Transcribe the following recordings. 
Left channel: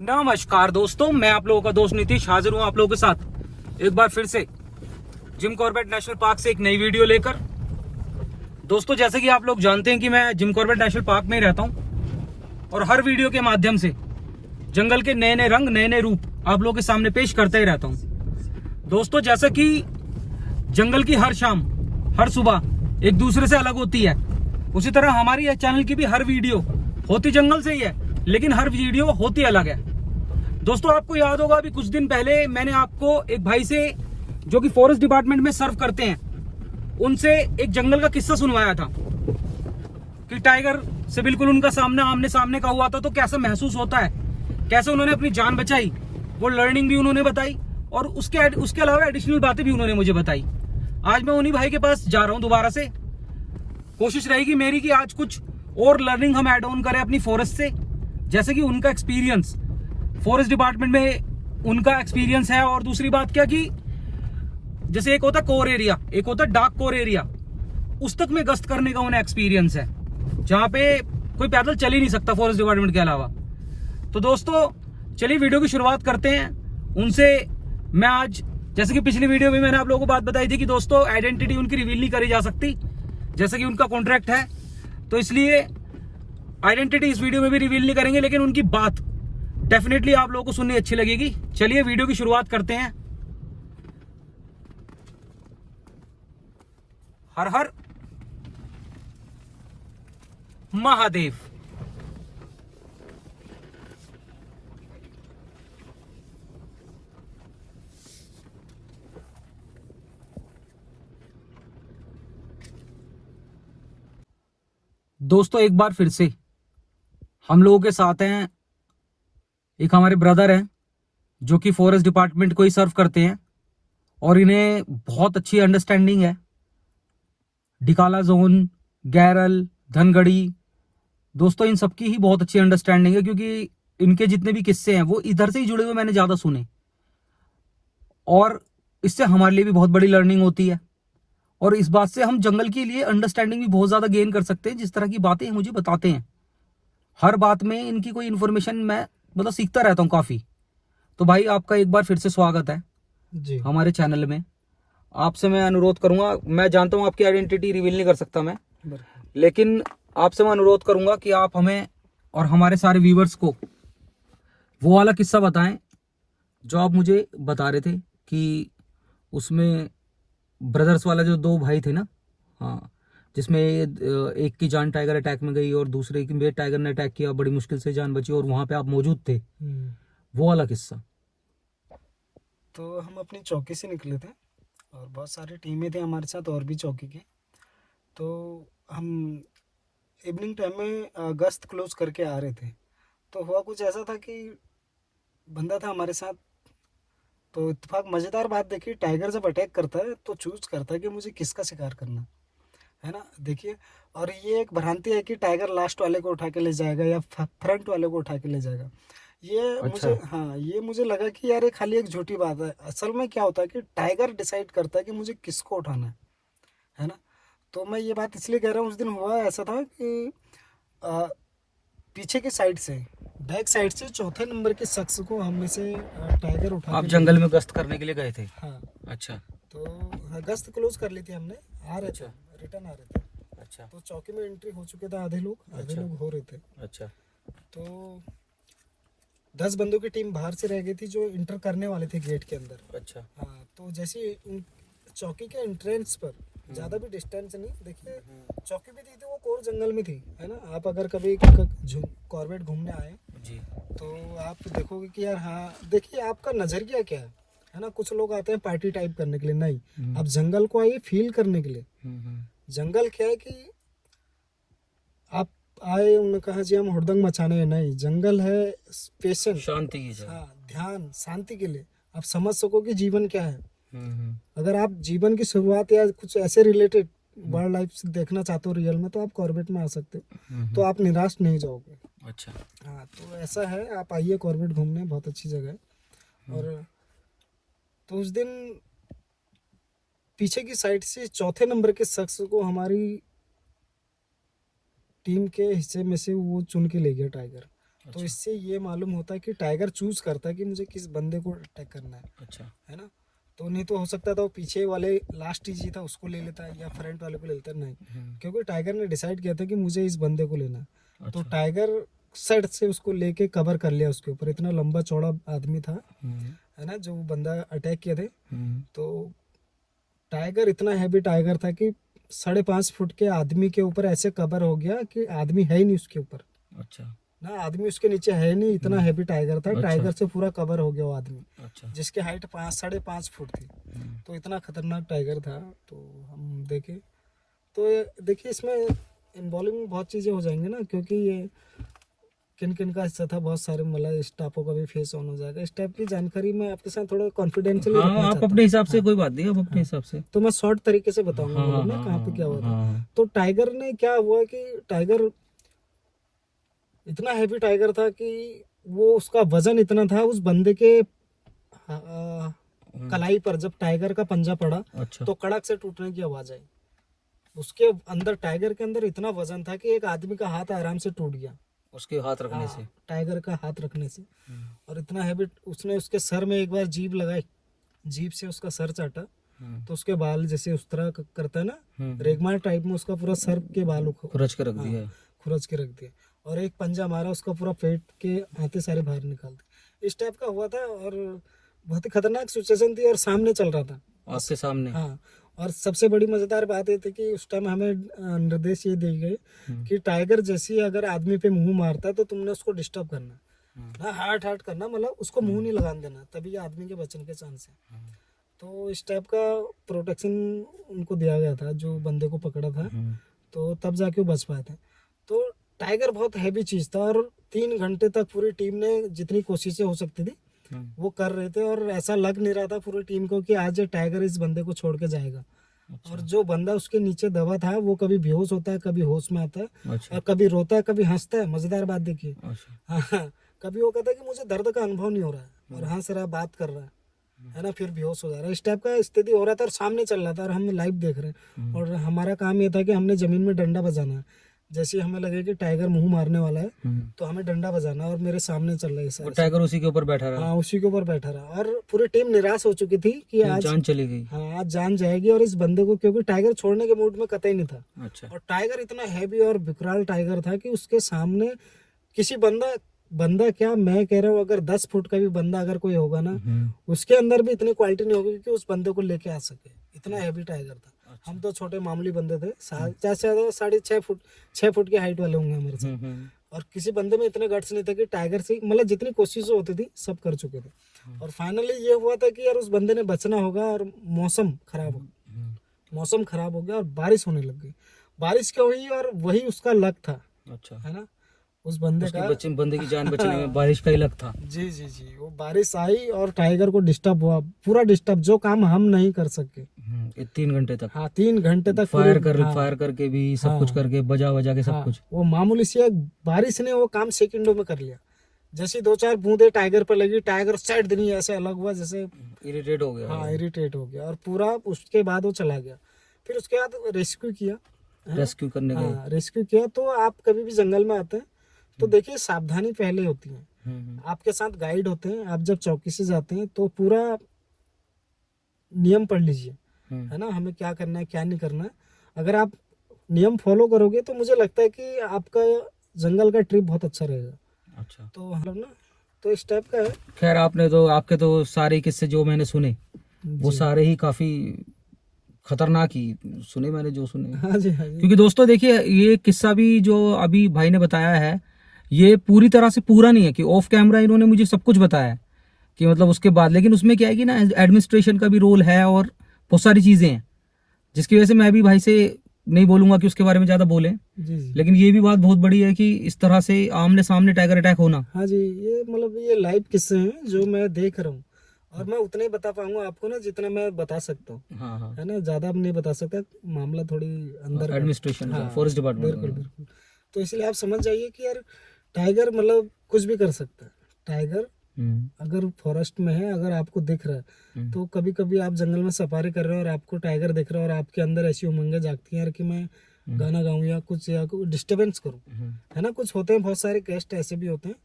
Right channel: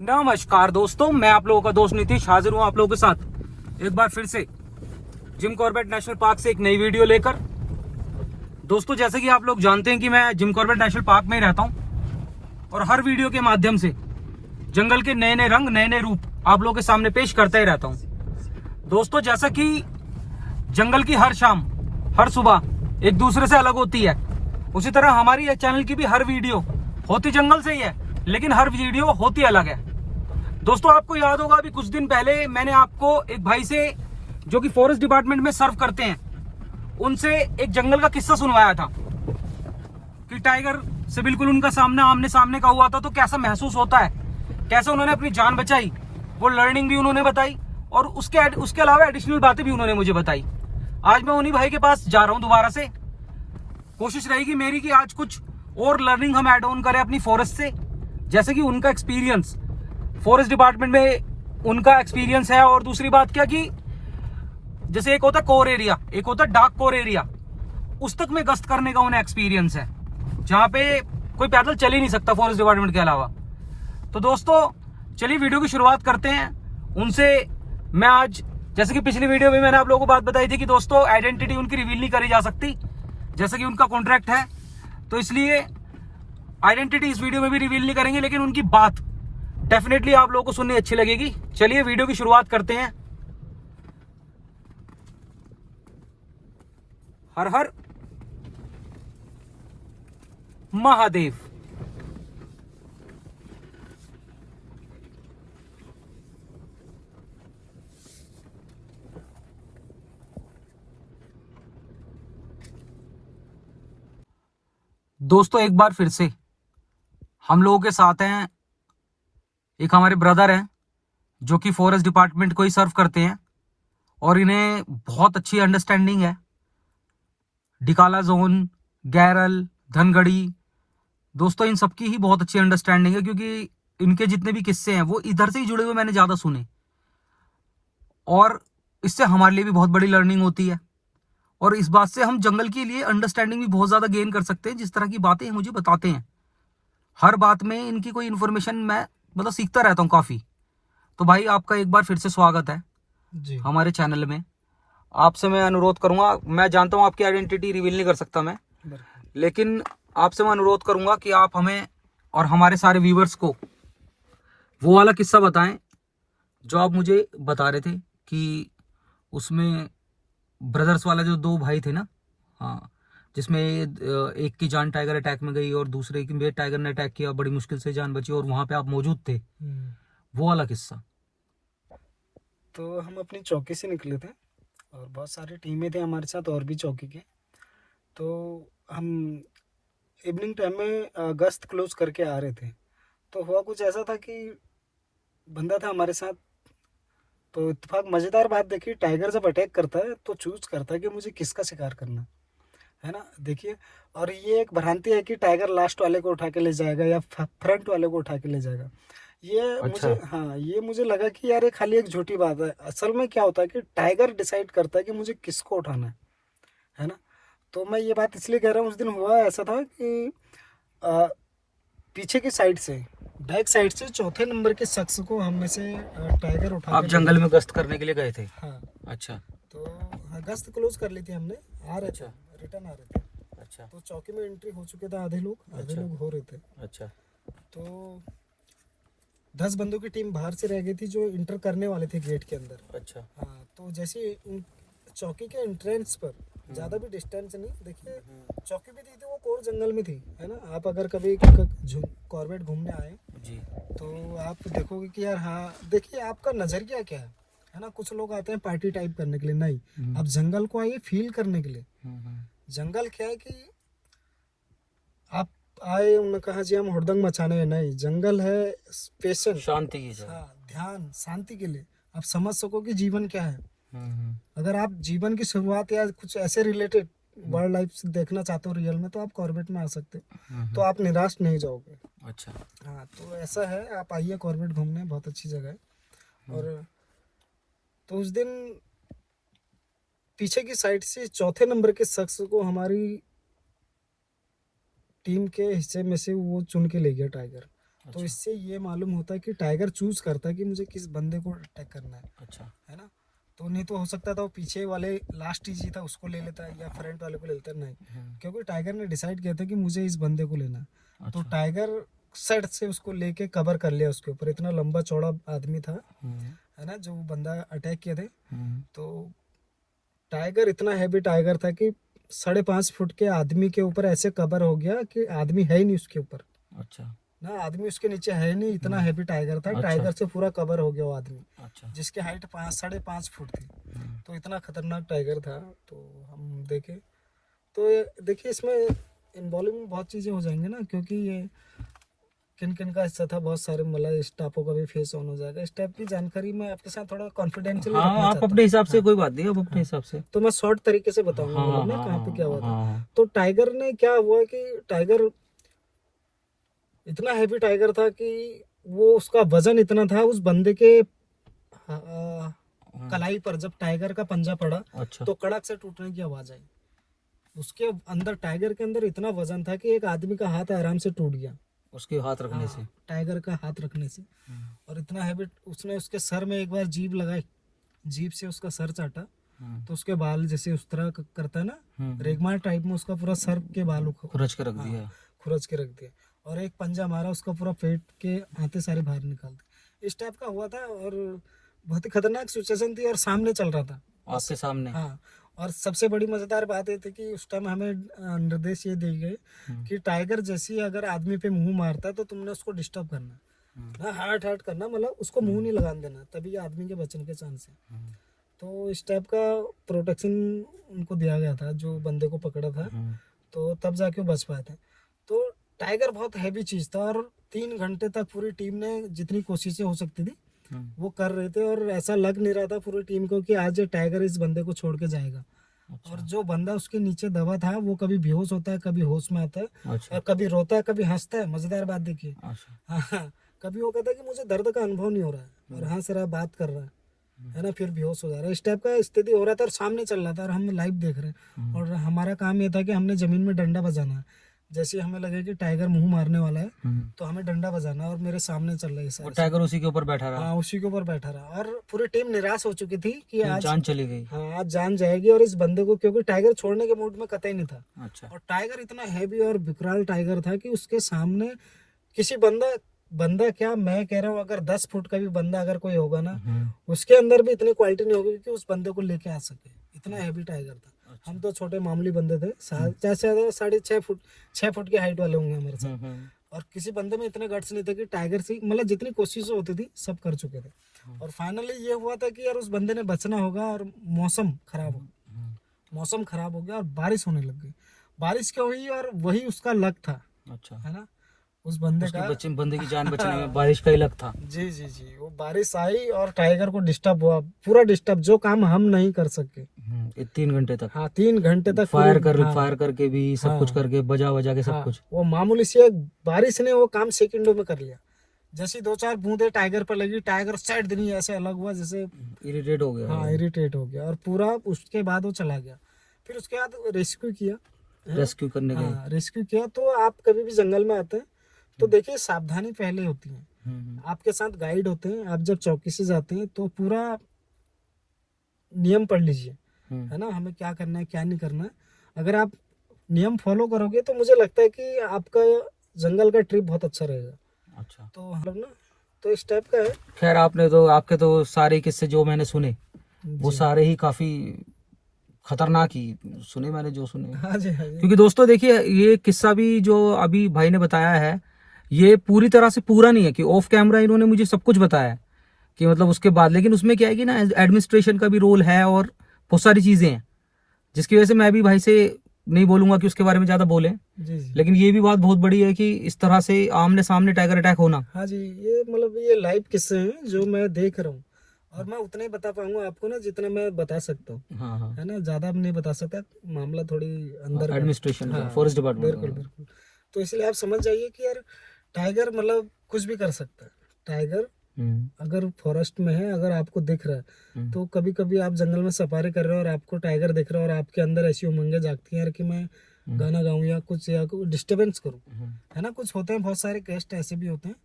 नमस्कार दोस्तों, मैं आप लोगों का दोस्त नीतीश हाजिर हूँ आप लोगों के साथ एक बार फिर से जिम कॉर्बेट नेशनल पार्क से एक नई वीडियो लेकर। दोस्तों, जैसे कि आप लोग जानते हैं कि मैं जिम कॉर्बेट नेशनल पार्क में ही रहता हूँ और हर वीडियो के माध्यम से जंगल के नए नए रंग, नए नए रूप आप लोगों के सामने पेश करता ही रहता हूँ। दोस्तों, जैसा कि जंगल की हर शाम, हर सुबह एक दूसरे से अलग होती है, उसी तरह हमारी चैनल की भी हर वीडियो होती जंगल से ही है, लेकिन हर वीडियो होती अलग है। दोस्तों, आपको याद होगा अभी कुछ दिन पहले मैंने आपको एक भाई से जो कि फॉरेस्ट डिपार्टमेंट में सर्व करते हैं, उनसे एक जंगल का किस्सा सुनवाया था कि टाइगर से बिल्कुल उनका सामने आमने सामने का हुआ था तो कैसा महसूस होता है, कैसे उन्होंने अपनी जान बचाई, वो लर्निंग भी उन्होंने बताई और उसके अलावा एडिशनल बातें भी उन्होंने मुझे बताई। आज मैं उन्हीं भाई के पास जा रहा हूँ दोबारा से। कोशिश रहेगी मेरी कि आज कुछ और लर्निंग हम ऐड ऑन करें अपनी फॉरेस्ट से, जैसे कि उनका एक्सपीरियंस फॉरेस्ट डिपार्टमेंट में उनका एक्सपीरियंस है। और दूसरी बात क्या कि जैसे एक होता कोर एरिया, एक होता डार्क कोर एरिया, उस तक में गश्त करने का उन्हें एक्सपीरियंस है, जहां पे कोई पैदल चल ही नहीं सकता फॉरेस्ट डिपार्टमेंट के अलावा। तो दोस्तों, चलिए वीडियो की शुरुआत करते हैं। उनसे मैं आज, जैसे कि पिछली वीडियो में मैंने आप लोगों को बात बताई थी कि दोस्तों आइडेंटिटी उनकी रिवील नहीं करी जा सकती, जैसे कि उनका कॉन्ट्रैक्ट है, तो इसलिए आइडेंटिटी इस वीडियो में भी रिवील नहीं करेंगे, लेकिन उनकी बात डेफिनेटली आप लोगों को सुननी अच्छी लगेगी। चलिए वीडियो की शुरुआत करते हैं। हर हर महादेव। दोस्तों, एक बार फिर से हम लोगों के साथ हैं एक हमारे ब्रदर हैं जो कि फॉरेस्ट डिपार्टमेंट को ही सर्व करते हैं और इन्हें बहुत अच्छी अंडरस्टैंडिंग है डिकाला जोन, गैरल, धनगढ़ी। दोस्तों, इन सबकी ही बहुत अच्छी अंडरस्टैंडिंग है क्योंकि इनके जितने भी किस्से हैं वो इधर से ही जुड़े हुए मैंने ज्यादा सुने और इससे हमारे लिए भी बहुत बड़ी लर्निंग होती है और इस बात से हम जंगल के लिए अंडरस्टैंडिंग भी बहुत ज्यादा गेन कर सकते हैं। जिस तरह की बातें मुझे बताते हैं, हर बात में इनकी कोई इन्फॉर्मेशन मैं मतलब सीखता रहता हूँ काफी। तो भाई, आपका एक बार फिर से स्वागत है जी। हमारे चैनल में। आपसे मैं अनुरोध करूंगा, मैं जानता हूं आपकी आइडेंटिटी रिवील नहीं कर सकता मैं, लेकिन आपसे मैं अनुरोध करूंगा कि आप हमें और हमारे सारे व्यूवर्स को वो वाला किस्सा बताएं जो आप मुझे बता रहे थे कि उसमें ब्रदर्स वाला जो दो भाई थे ना, हाँ, जिसमें एक की जान टाइगर अटैक में गई और दूसरे की भी टाइगर ने अटैक किया, बड़ी मुश्किल से जान बची और वहां पे आप मौजूद थे, वो वाला किस्सा। तो हम अपनी चौकी से निकले थे और बहुत सारी टीमें थे हमारे साथ और भी चौकी के। तो हम इवनिंग टाइम में गश्त क्लोज करके आ रहे थे। तो हुआ कुछ ऐसा था कि बंदा था हमारे साथ। तो इत्तेफाक मज़ेदार बात देखिए, टाइगर जब अटैक करता है तो चूज करता है कि मुझे किसका शिकार करना है ना, देखिए। और ये एक भ्रांति है कि टाइगर लास्ट वाले को उठा के ले जाएगा या फ्रंट वाले को उठा के ले जाएगा। ये अच्छा। मुझे, हाँ, ये मुझे लगा कि यार ये खाली एक झूठी बात है। असल में क्या होता है कि टाइगर डिसाइड करता है कि मुझे किसको उठाना है ना। तो मैं ये बात इसलिए कह रहा हूँ, उस दिन हुआ ऐसा था कि आ, पीछे की साइड से, बैक साइड से चौथे नंबर के शख्स को हम में से टाइगर उठा आप के जंगल में गश्त करने के लिए गए थे? हाँ। अच्छा। तो हाँ, गश्त क्लोज कर ली थी हमने, आ रहे थे, अच्छा। रिटर्न आ रहे थे। अच्छा। तो चौकी में एंट्री हो चुके थे, आधे अच्छा। लोग हो रहे थे। अच्छा। तो 10 बंदों की टीम बाहर से रह गई थी जो इंटर करने वाले थे गेट के अंदर। अच्छा। हाँ, तो जैसे चौकी के एंट्रेंस पर ज़्यादा भी डिस्टेंस नहीं, देखिए चौकी भी थी वो कोर जंगल में थी, है ना। आप अगर कभी कॉर्बेट घूमने आए जी। तो आप देखोगे कि यार, हाँ, देखिए आपका नज़रिया क्या है ना। कुछ लोग आते हैं पार्टी टाइप करने के लिए, नहीं, आप जंगल को आइए फील करने के लिए। जंगल क्या है कि आप आए, उन्होंने कहा जी हम हुड़दंग मचाने हैं, नहीं, जंगल है पेशेंस, शांति की जगह। हाँ, ध्यान, शांति के लिए। आप समझ सको कि जीवन क्या है। अगर आप जीवन की शुरुआत या कुछ ऐसे रिलेटेड वर्ल्ड लाइफ से देखना चाहते हो रियल में, तो आप कॉर्बेट में आ सकते हो, तो आप निराश नहीं जाओगे। अच्छा। हाँ, तो ऐसा है, आप आइए कॉर्बेट घूमने, बहुत अच्छी जगह है। और तो उस दिन पीछे की साइड से चौथे नंबर के शख्स को हमारी टीम के हिस्से में से वो चुन के ले गया टाइगर। तो इससे ये मालूम होता है कि टाइगर चूज करता है कि मुझे किस बंदे को अटैक करना है। अच्छा। है ना। तो नहीं तो हो सकता था वो पीछे वाले लास्ट इजी था उसको ले लेता या फ्रंट वाले को ले लेता, नहीं, क्योंकि टाइगर ने डिसाइड किया था कि मुझे इस बंदे को लेना है। तो टाइगर साइड से उसको लेके कवर कर लिया उसके ऊपर। इतना लंबा चौड़ा आदमी था, है ना, जो बंदा अटैक किया थे। तो टाइगर इतना हैवी टाइगर था कि 5.5 फुट के आदमी के ऊपर ऐसे कवर हो गया कि आदमी है ही नहीं उसके ऊपर। अच्छा। ना आदमी उसके नीचे है नहीं, इतना हैवी टाइगर था। टाइगर से पूरा कवर हो गया वो आदमी। अच्छा। जिसकी हाइट 5.5 फुट थी। तो इतना खतरनाक टाइगर था। तो हम देखे तो देखिए इसमें इन्वॉल्विंग बहुत चीज़ें हो जाएंगी ना, क्योंकि ये किन किन का हिस्सा था, बहुत सारे मतलब स्टाफों का भी फेस ऑन हो जाएगा। इस टाइप की जानकारी मैं आपके साथ थोड़ा कॉन्फिडेंशियल हाँ, आप अपने हिसाब से, कोई बात नहीं, आप अपने हिसाब से। तो मैं शॉर्ट तरीके से बताऊंगा मतलब ना कहाँ पे क्या हुआ था। तो टाइगर ने क्या हुआ कि टाइगर इतना हैवी टाइगर था कि वो उसका वजन इतना था उस बंदे के कलाई पर जब टाइगर का पंजा पड़ा। अच्छा। तो कड़क से टूटने की आवाज आई। उसके अंदर टाइगर के अंदर इतना वजन था कि एक आदमी का हाथ आराम से टूट गया उसके हाथ रखने से, टाइगर का हाथ रखने से। और इतना हैवी, उसने उसके सर में एक बार जीभ लगाई, जीभ से उसका सर चाटा। तो उसके बाल जैसे उस तरह करता है ना रेगमार टाइप में, उसका पूरा सर के बाल खुरच के रख दिया। खुरच के रख दिया। और एक पंजा मारा, उसका पूरा पेट के हाथे सारे बाहर निकाल दिए। इस टाइप का हुआ था और बहुत ही खतरनाक सिचुएशन थी और सामने चल रहा था आपके सामने। हाँ। और सबसे बड़ी मजेदार बात ये थी कि उस टाइम हमें निर्देश ये दिए गए कि टाइगर जैसी अगर आदमी पे मुंह मारता है तो तुमने उसको डिस्टर्ब करना, हाँ, हार्ट करना, मतलब उसको मुंह नहीं लगाने देना, तभी आदमी के बचने के चांस है। तो इस टाइप का प्रोटेक्शन उनको दिया गया था जो बंदे को पकड़ा था। तो तब जाके वो बच पाए थे। तो टाइगर बहुत हैवी चीज था और 3 घंटे तक पूरी टीम ने जितनी कोशिशें हो सकती थी वो कर रहे थे। और ऐसा लग नहीं रहा था पूरी टीम को कि आज टाइगर इस बंदे को छोड़ के जाएगा। अच्छा। और जो बंदा उसके नीचे दबा था वो कभी बेहोश होता है, कभी होश में आता है। अच्छा। और कभी रोता है, कभी हंसता है। मजेदार बात देखिए। अच्छा। हाँ, कभी वो कहता है कि मुझे दर्द का अनुभव नहीं हो रहा है और हंस रहा है, बात कर रहा है ना, फिर बेहोश हो जा रहा है। इस टाइप का स्थिति हो रहा था और सामने चल रहा था और हम लाइव देख रहे हैं। और हमारा काम ये था कि हमने जमीन में डंडा बजाना है। जैसे हमें लगे कि टाइगर मुंह मारने वाला है तो हमें डंडा बजाना है और मेरे सामने चल रहा है सर। टाइगर उसी के ऊपर बैठा रहा। हाँ, उसी के ऊपर बैठा रहा। और पूरी टीम निराश हो चुकी थी कि आज जान चली गई। हाँ, आज जान जाएगी। और इस बंदे को, क्योंकि टाइगर छोड़ने के मूड में कतई नहीं था। अच्छा। और टाइगर इतना हैवी और विकराल टाइगर था कि उसके सामने किसी बंदा क्या, मैं कह रहा हूँ, अगर 10 फुट का भी बंदा अगर कोई होगा ना, उसके अंदर भी इतनी क्वालिटी नहीं होगी कि उस बंदे को लेके आ सके। इतना हैवी टाइगर था। अच्छा। हम तो छोटे मामूली बंदे थे, 6.5 फुट की हाइट वाले होंगे मेरे से। और किसी बंदे में इतने गट्स नहीं थे कि टाइगर से, मतलब जितनी कोशिशें होती थी सब कर चुके थे। और फाइनली ये हुआ था कि यार उस बंदे ने बचना होगा। और मौसम खराब हो गया और बारिश होने लग गई। बारिश क्या हुई और वही उसका लक था। अच्छा। है ना, उस बंदे की जान बचने में बारिश का ही लक था। जी, वो बारिश आई और टाइगर को डिस्टर्ब हुआ, पूरा डिस्टर्ब, जो काम हम नहीं कर सके 3 घंटे तक। हाँ, 3 घंटे तक फायर करके भी सब कुछ करके बजा के सब कुछ। वो मामूली सी बारिश ने वो काम सेकंडों में कर लिया। जैसे 2-4 बूंदे टाइगर पर लगी, टाइगर साइड दिन ऐसे अलग हुआ जैसे इरिटेट हो गया। हाँ, इरिटेट हो गया और पूरा। उसके बाद वो चला गया। फिर उसके बाद रेस्क्यू किया। रेस्क्यू करने गए। रेस्क्यू किया। तो आप कभी भी जंगल में आते हैं तो देखिए सावधानी पहले होती है। आपके साथ गाइड होते हैं। आप जब चौकी से जाते हैं तो पूरा नियम पढ़ लीजिए, है ना, हमें क्या करना है क्या नहीं करना है। अगर आप नियम फॉलो करोगे तो मुझे लगता है कि आपका जंगल का ट्रिप बहुत अच्छा रहेगा। अच्छा। तो हम लोग ना तो इस टाइप का है। खैर, आपके तो सारे किस्से जो मैंने सुने वो सारे ही काफी खतरनाक ही सुने मैंने, जो सुने। हाँ जी। क्योंकि दोस्तों देखिए, ये किस्सा भी जो अभी भाई ने बताया है ये पूरी तरह से पूरा नहीं है कि ऑफ कैमरा इन्होंने मुझे सब कुछ बताया है कि मतलब उसके बाद, लेकिन उसमें क्या है कि ना एडमिनिस्ट्रेशन का भी रोल है और बहुत सारी चीजें हैं जिसकी वजह से मैं भी भाई से नहीं बोलूंगा कि उसके बारे में ज्यादा बोले। लेकिन ये भी बात बहुत बड़ी है कि इस तरह से आमने सामने टाइगर अटैक होना। हाँ जी, ये मतलब ये लाइव किस्से हैं जो मैं देख रहा हूँ और मैं उतना ही बता पाऊंगा आपको ना जितना मैं बता सकता हूँ। हाँ। है ना, ज्यादा नहीं बता सकता, मामला थोड़ी अंदर एडमिनिस्ट्रेशन फॉरेस्ट डिपार्टमेंट। बिल्कुल। तो इसलिए आप समझ जाइए कि यार टाइगर मतलब कुछ भी कर सकता है। टाइगर अगर फॉरेस्ट में है, अगर आपको दिख रहा है तो कभी कभी आप जंगल में सफारी कर रहे हो और आपको टाइगर दिख रहा है और आपके अंदर ऐसी उमंगें जागती हैं यार कि मैं गाना गाऊं या कुछ डिस्टर्बेंस करूं, है ना। कुछ होते हैं, बहुत सारे गेस्ट ऐसे भी होते हैं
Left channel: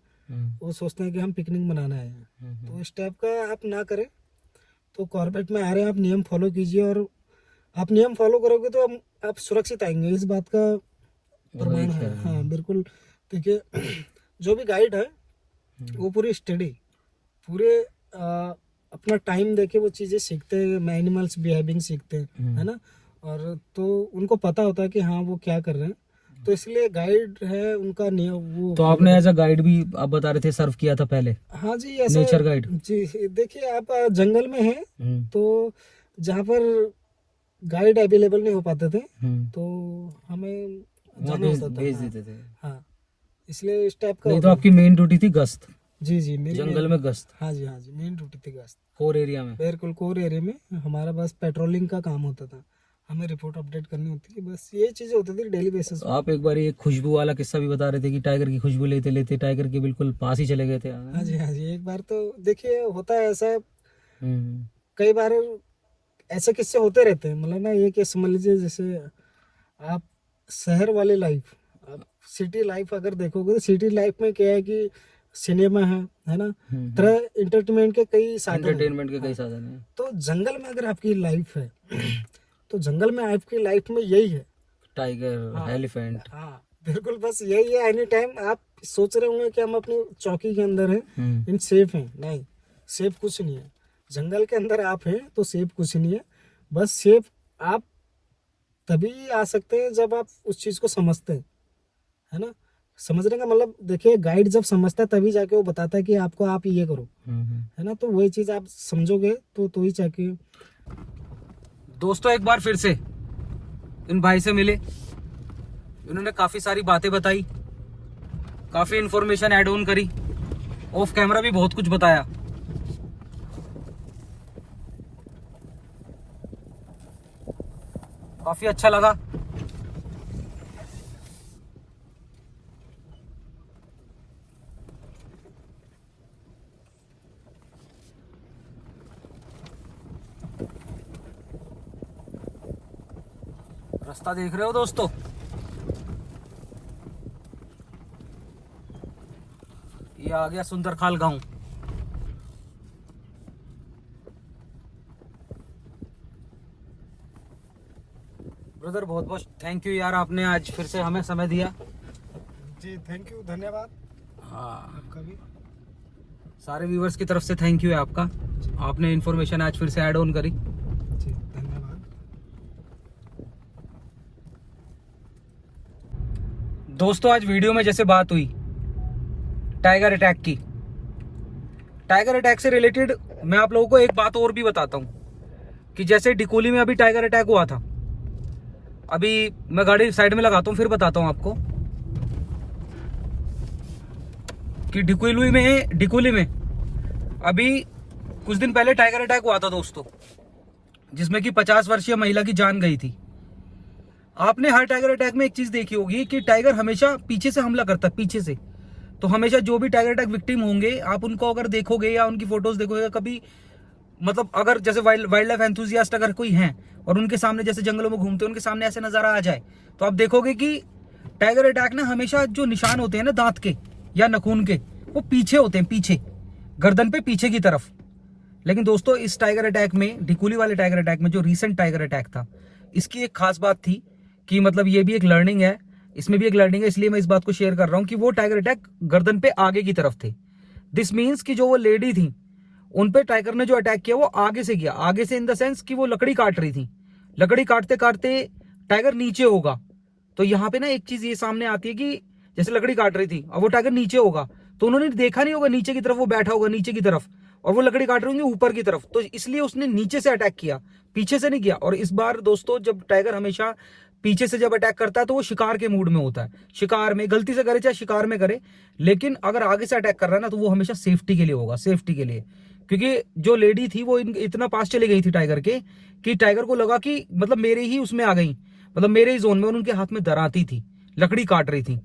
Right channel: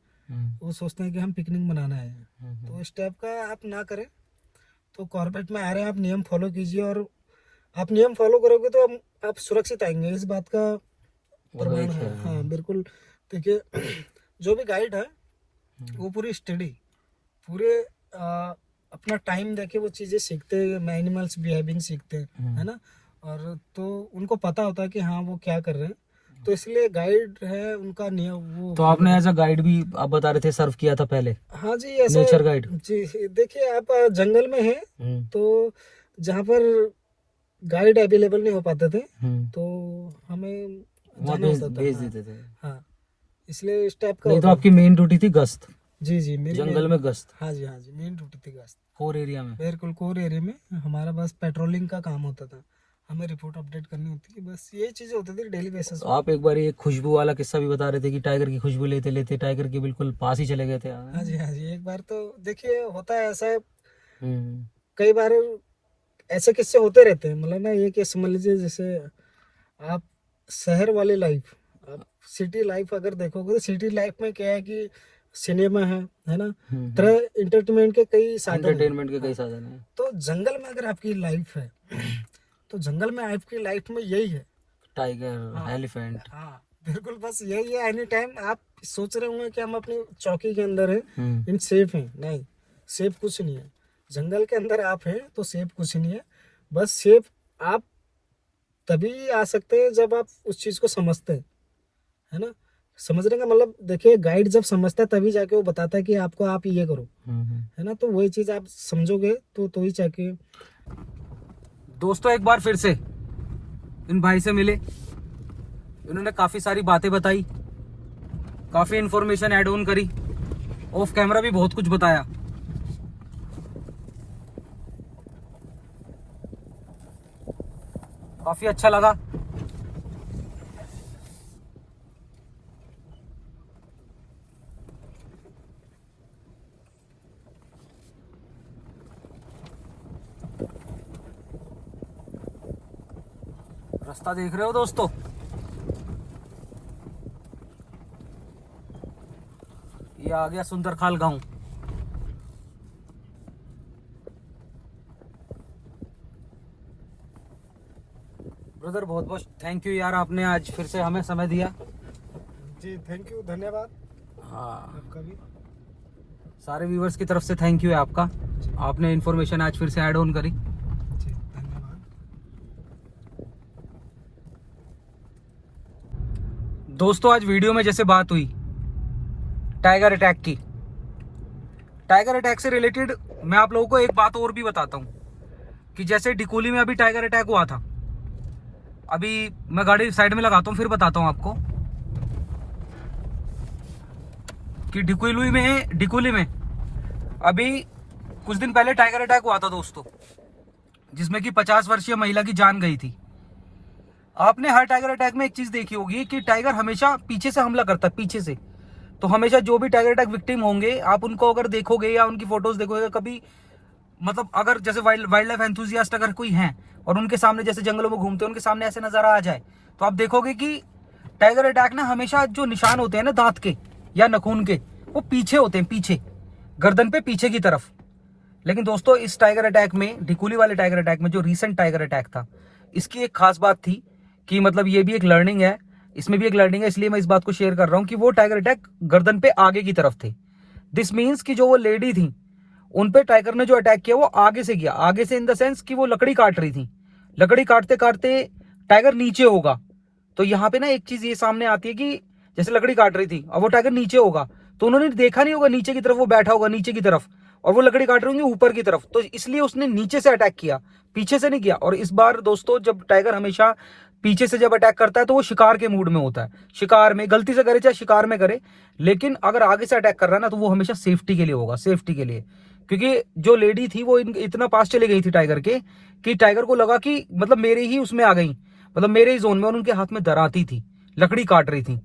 वो सोचते हैं कि हम पिकनिक मनाना है। तो इस टाइप का आप ना करें। तो कॉर्बेट में आ रहे हैं, आप नियम फॉलो कीजिए, और आप नियम फॉलो करोगे तो आप सुरक्षित आएंगे, इस बात का प्रमाण है। हाँ बिल्कुल। देखिए जो भी गाइड है वो पूरी स्टडी, पूरे अपना टाइम देके वो चीज़ें सीखते हैं, एनिमल्स बिहेविंग सीखते हैं, है ना। और तो उनको पता होता है कि हाँ वो क्या कर रहे हैं, तो इसलिए गाइड है उनका नियम वो। तो आपने एज अ गाइड भी आप बता रहे थे सर्व किया था पहले? हाँ जी, ऐसे नेचर गाइड। जी देखिए, आप जंगल में हैं तो जहाँ पर गाइड अवेलेबल नहीं हो पाते थे तो हमें जाना होता था। भेज देते थे। हाँ इसलिए इस टाइप का नहीं तो होता आपकी मेन ड्यूटी थी गश्त, जी जी, मेरी जंगल में गश्त, हाँ जी मेन ड्यूटी थी गश्त, कोर एरिया में। बिल्कुल कोर एरिया में हमारा बस पेट्रोलिंग का काम होता था, हमें रिपोर्ट अपडेट करनी होती थी, बस यही चीज़ें होती थी डेली बेसिस पे। आप एक बार एक खुशबू वाला किस्सा भी बता रहे थे कि टाइगर की खुशबू लेते लेते टाइगर के बिल्कुल पास ही चले गए थे। हाँ जी, एक बार तो देखिए होता है ऐसा, हम्म। कई बार ऐसे किस्से होते रहते हैं। मतलब ना ये कि समझ लीजिए जैसे आप शहर वाली लाइफ, आप सिटी लाइफ अगर देखोगे तो सिटी लाइफ में क्या है कि सिनेमा है ना, तरह इंटरटेनमेंट के कई साधन हैं। एंटरटेनमेंट के कई साधन हैं। तो जंगल में अगर आपकी लाइफ है तो जंगल में आपकी लाइफ में यही है, टाइगर, एलिफेंट। हाँ बिल्कुल, बस यही है। एनी टाइम आप सोच रहे होंगे कि हम अपनी चौकी के अंदर हैं, इन सेफ हैं, नहीं सेफ कुछ नहीं है। जंगल के अंदर आप हैं तो सेफ कुछ नहीं है, बस सेफ आप तभी आ सकते हैं जब आप उस चीज़ को समझते हैं, है ना। समझने का मतलब देखिए, गाइड जब समझता है तभी जाके वो बताता है कि आपको आप ये करो, है ना। तो वही चीज़ आप समझोगे तो ही जाके। दोस्तों एक बार फिर से इन भाई से मिले, इन्होंने काफ़ी सारी बातें बताई, काफ़ी इंफॉर्मेशन ऐड ऑन करी, ऑफ कैमरा भी बहुत कुछ बताया। काफ़ी अच्छा लगा। रास्ता देख रहे हो दोस्तों, ये आ गया सुंदरखाल गांव। ब्रदर बहुत बहुत थैंक यू यार, आपने आज फिर से हमें समय दिया। जी थैंक यू, धन्यवाद। हाँ आपका भी, सारे व्यूवर्स की तरफ से थैंक यू है आपका, आपने इन्फॉर्मेशन आज फिर से ऐड ऑन करी। जी धन्यवाद। दोस्तों आज वीडियो में जैसे बात हुई टाइगर अटैक की, टाइगर अटैक से रिलेटेड मैं आप लोगों को एक बात और भी बताता हूँ कि जैसे डिकोली में अभी टाइगर अटैक हुआ था, अभी मैं गाड़ी साइड में लगाता हूँ फिर बताता हूँ आपको कि डिकोली में अभी कुछ दिन पहले टाइगर अटैक हुआ था दोस्तों, जिसमें कि 50 वर्षीय महिला की जान गई थी। आपने हर टाइगर अटैक में एक चीज देखी होगी कि टाइगर हमेशा पीछे से हमला करता है, पीछे से। तो हमेशा जो भी टाइगर अटैक विक्टिम होंगे आप उनको अगर देखोगे या उनकी फोटोज देखोगे कभी, मतलब अगर जैसे वाइल्ड लाइफ एंथुजियास्ट अगर कोई हैं और उनके सामने जैसे जंगलों में घूमते हैं उनके सामने ऐसे नजारा आ जाए तो आप देखोगे कि टाइगर अटैक ना हमेशा जो निशान होते हैं ना दांत के या नाखून के, वो पीछे होते हैं, पीछे गर्दन पे पीछे की तरफ। लेकिन दोस्तों इस टाइगर अटैक में, डिकोली वाले टाइगर अटैक में जो रिसेंट टाइगर अटैक था, इसकी एक खास बात थी कि मतलब ये भी एक लर्निंग है, इसमें भी एक लर्निंग है, इसलिए मैं इस बात को शेयर कर रहा हूं कि वो टाइगर अटैक गर्दन पे आगे की तरफ थे। दिस मीन्स कि जो वो लेडी थी उन पे टाइगर ने जो अटैक किया वो आगे से किया, आगे से इन द सेंस कि वो लकड़ी काट रही थी, लकड़ी काटते काटते टाइगर नीचे होगा। तो यहाँ पे ना एक चीज ये सामने आती है कि जैसे लकड़ी काट रही थी और वो टाइगर नीचे होगा तो उन्होंने देखा नहीं होगा नीचे की तरफ, वो बैठा होगा नीचे की तरफ और वो लकड़ी काट रही होंगी ऊपर की तरफ, तो इसलिए उसने नीचे से अटैक किया, पीछे से नहीं किया। और इस बार दोस्तों जब टाइगर हमेशा पीछे से जब अटैक करता है तो वो शिकार के मूड में होता है, शिकार में गलती से करे चाहे शिकार में करे, लेकिन अगर आगे से अटैक कर रहा है ना तो वो हमेशा सेफ्टी के लिए होगा, सेफ्टी के लिए। क्योंकि जो लेडी थी वो इतना पास चली गई थी टाइगर के कि टाइगर को लगा कि मतलब मेरे ही उसमें आ गई, मतलब मेरे ही जोन में, और उनके हाथ में दराती थी, लकड़ी काट रही थी।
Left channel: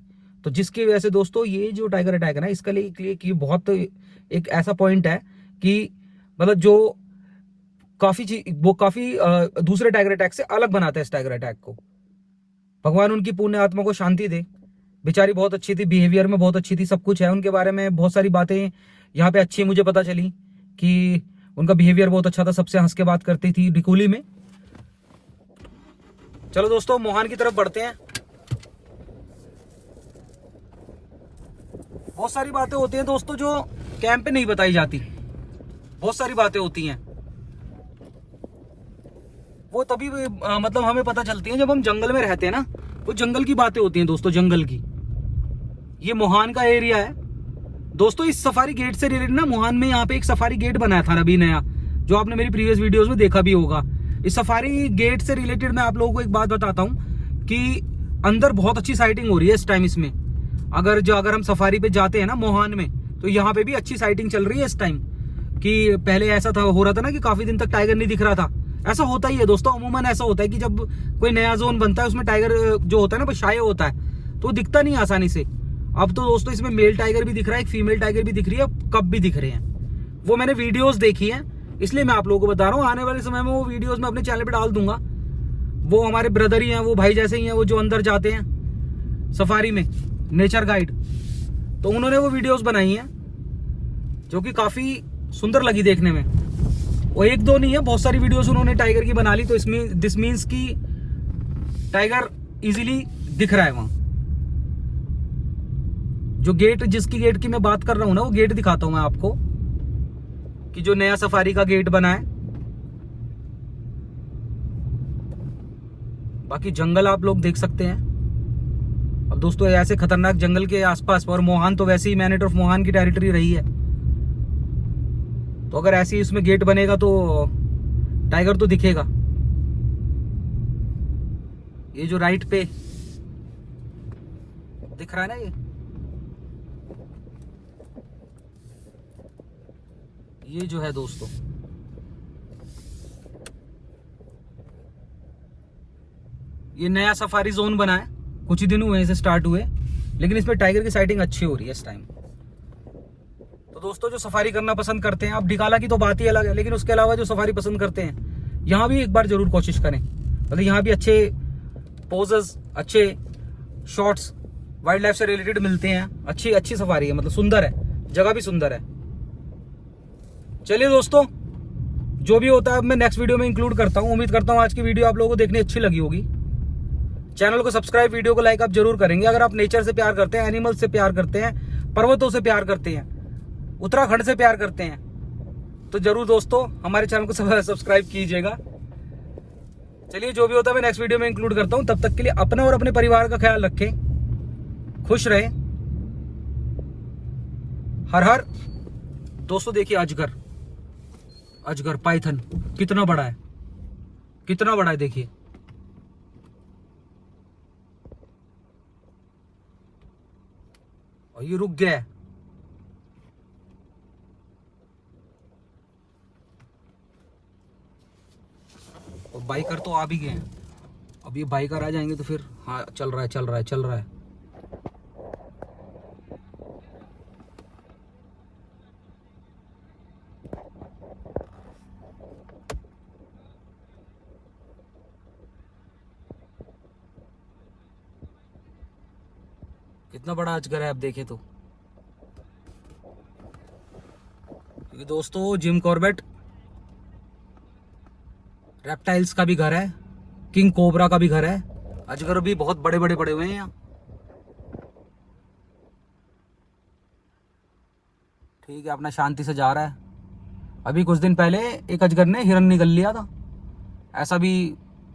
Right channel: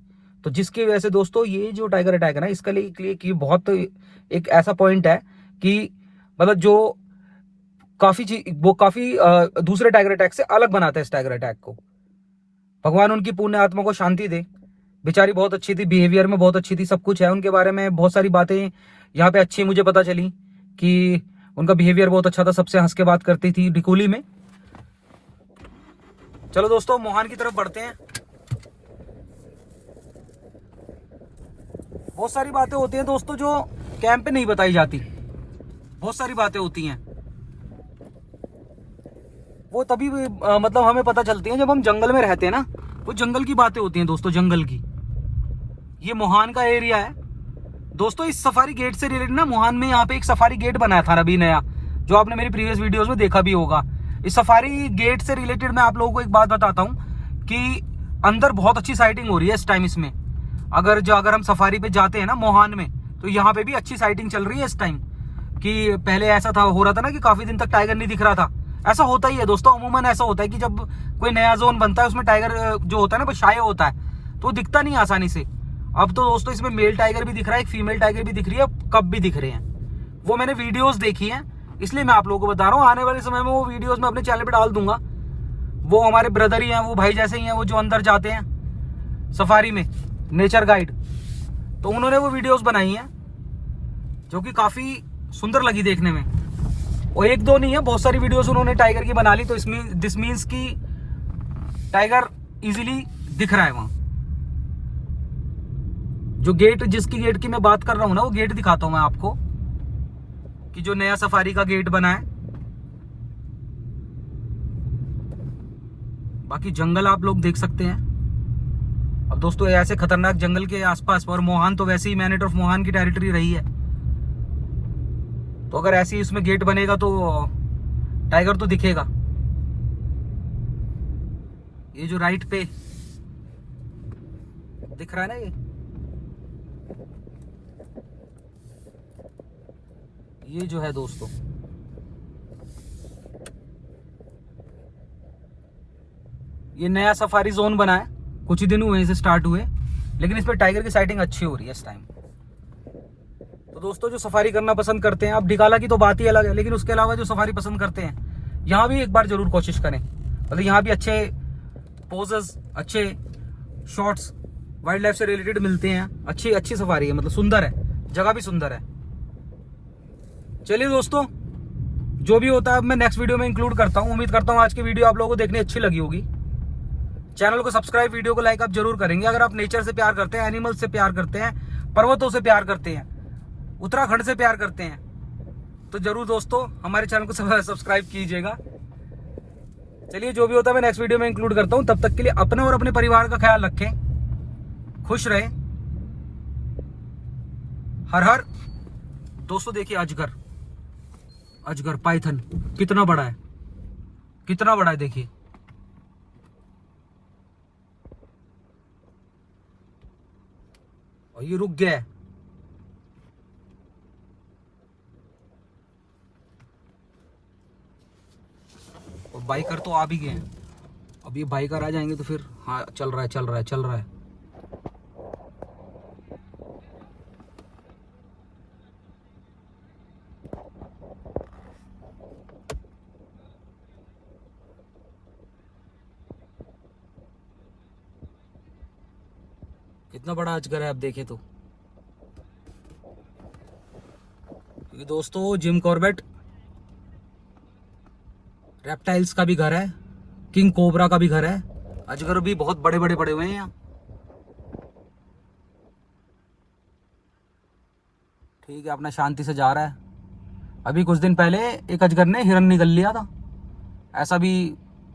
तो जिसकी वजह से दोस्तों ये जो टाइगर अटैक है ना, इसके लिए कि बहुत एक ऐसा पॉइंट है कि मतलब जो काफी दूसरे टाइगर अटैक से अलग बनाता है इस टाइगर अटैक को। भगवान उनकी पुण्य आत्मा को शांति दे बेचारी बहुत अच्छी थी, बिहेवियर में बहुत अच्छी थी, सब कुछ है उनके बारे में, बहुत सारी बातें यहाँ पे अच्छी मुझे पता चली कि उनका बिहेवियर बहुत अच्छा था, सबसे हंस के बात करती थी डिकोली में। चलो दोस्तों मोहान की तरफ बढ़ते हैं। बहुत सारी बातें होती हैं दोस्तों जो कैंप पे नहीं बताई जाती, बहुत सारी बातें होती हैं, वो तभी भी मतलब हमें पता चलती हैं जब हम जंगल में रहते हैं ना। वो जंगल की बातें होती हैं दोस्तों, जंगल की। ये मोहान का एरिया है दोस्तों। इस सफारी गेट से रिलेटेड ना, मोहान में यहाँ पे एक सफारी गेट बनाया था अभी नया, जो आपने मेरी प्रीवियस वीडियोस में देखा भी होगा। इस सफारी गेट से रिलेटेड मैं आप लोगों को एक बात बताता हूँ कि अंदर बहुत अच्छी साइटिंग हो रही है इस टाइम इसमें। अगर हम सफारी पे जाते हैं ना मोहान में, तो यहाँ पे भी अच्छी साइटिंग चल रही है इस टाइम। कि पहले ऐसा था, हो रहा था ना कि काफी दिन तक टाइगर नहीं दिख रहा था। ऐसा होता ही है दोस्तों, अमूमन ऐसा होता है कि जब कोई नया जोन बनता है उसमें टाइगर जो होता है ना वो शाये होता है, तो दिखता नहीं आसानी से। अब तो दोस्तों इसमें मेल टाइगर भी दिख रहा है, एक फीमेल टाइगर भी दिख रही है, कब भी दिख रहे हैं। वो मैंने वीडियोस देखी है, इसलिए मैं आप लोगों को बता रहा हूँ। आने वाले समय में वो वीडियोस मैं अपने चैनल पे डाल दूंगा। वो हमारे ब्रदर ही हैं, वो भाई जैसे ही हैं, वो जो अंदर जाते हैं सफारी में, नेचर गाइड, तो उन्होंने वो वीडियोस बनाई हैं जो कि काफी सुंदर लगी देखने में। और एक दो नहीं है, बहुत सारी वीडियोस उन्होंने टाइगर की बना ली। तो इसमें दिस मीन्स की टाइगर इजीली दिख रहा है वहां। जो गेट, जिसकी गेट की मैं बात कर रहा हूं ना, वो गेट दिखाता हूं मैं आपको, कि जो नया सफारी का गेट बना है। बाकी जंगल आप लोग देख सकते हैं। अब दोस्तों ऐसे खतरनाक जंगल के आसपास, और मोहान तो वैसे ही मैनेट ऑफ मोहान की टेरिटरी रही है, तो अगर ऐसे ही उसमें गेट बनेगा तो टाइगर तो दिखेगा। ये जो राइट पे दिख रहा है ना, ये जो है दोस्तों, ये नया सफारी जोन बना है, कुछ ही दिन हुए से स्टार्ट हुए, लेकिन इसमें टाइगर की साइटिंग अच्छी हो रही है इस टाइम। तो दोस्तों जो सफारी करना पसंद करते हैं, अब डिकाला की तो बात ही अलग है, लेकिन उसके अलावा जो सफारी पसंद करते हैं, यहाँ भी एक बार जरूर कोशिश करें। मतलब यहाँ भी अच्छे पोजेस, अच्छे शॉट्स वाइल्ड लाइफ से रिलेटेड मिलते हैं। अच्छी सफारी है, मतलब सुंदर है, जगह भी सुंदर है। चलिए दोस्तों, जो भी होता है मैं नेक्स्ट वीडियो में इंक्लूड करता हूँ। उम्मीद करता हूँ आज की वीडियो आप लोगों को देखनी अच्छी लगी होगी। चैनल को सब्सक्राइब, वीडियो को लाइक आप जरूर करेंगे। अगर आप नेचर से प्यार करते हैं, एनिमल्स से प्यार करते हैं, पर्वतों से प्यार करते हैं, उत्तराखंड से प्यार करते हैं, तो जरूर दोस्तों हमारे चैनल को सब्सक्राइब कीजिएगा। चलिए, जो भी होता है मैं नेक्स्ट वीडियो में इंक्लूड करता हूँ। तब तक के लिए अपना और अपने परिवार का ख्याल रखें, खुश रहें। हर हर। दोस्तों देखिए अजगर पाइथन कितना बड़ा है, कितना बड़ा है देखिए। और ये रुक गया है। और बाइकर तो आ भी गए हैं। अब ये बाइकर आ जाएंगे तो फिर हाँ, चल रहा है। कितना बड़ा अजगर है, आप देखिए तो। ये दोस्तों जिम कॉर्बेट रेप्टाइल्स का भी घर है, किंग कोबरा का भी घर है। अजगर भी बहुत बड़े बड़े पड़े हुए हैं यहाँ। ठीक है, अपना शांति से जा रहा है। अभी कुछ दिन पहले एक अजगर ने हिरन निगल लिया था, ऐसा भी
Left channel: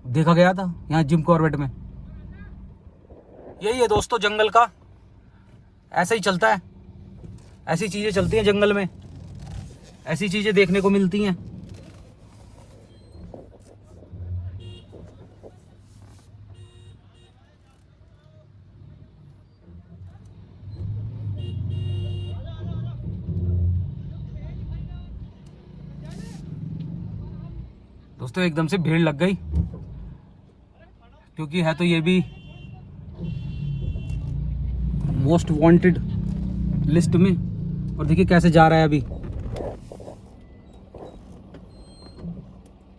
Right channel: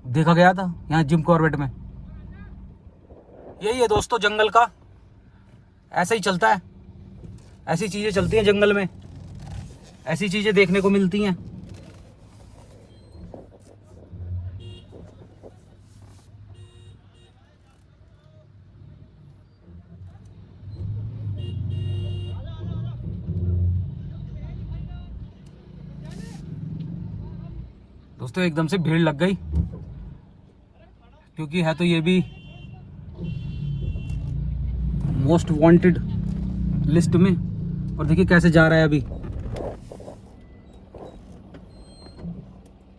देखा गया था यहाँ जिम कॉर्बेट में। यही है दोस्तों जंगल का, ऐसे ही चलता है। ऐसी चीजें चलती हैं जंगल में, ऐसी चीजें देखने को मिलती हैं। दोस्तों एकदम से भीड़ लग गई, क्योंकि है तो ये भी मोस्ट वांटेड लिस्ट में। और देखिए कैसे जा रहा है, अभी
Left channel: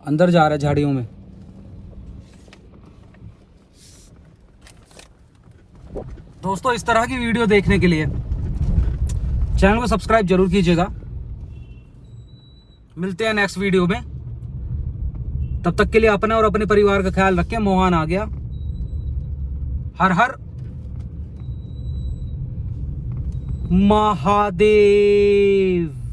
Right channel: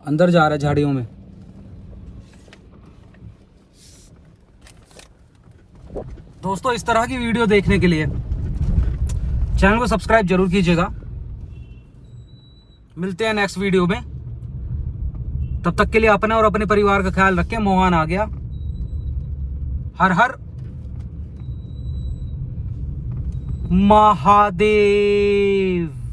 अंदर जा रहा है झाड़ियों में। दोस्तों इस तरह की वीडियो देखने के लिए चैनल को सब्सक्राइब जरूर कीजिएगा। मिलते हैं नेक्स्ट वीडियो में, तब तक के लिए अपना और अपने परिवार का ख्याल रखें। मोहन आ गया। हर हर महादेव।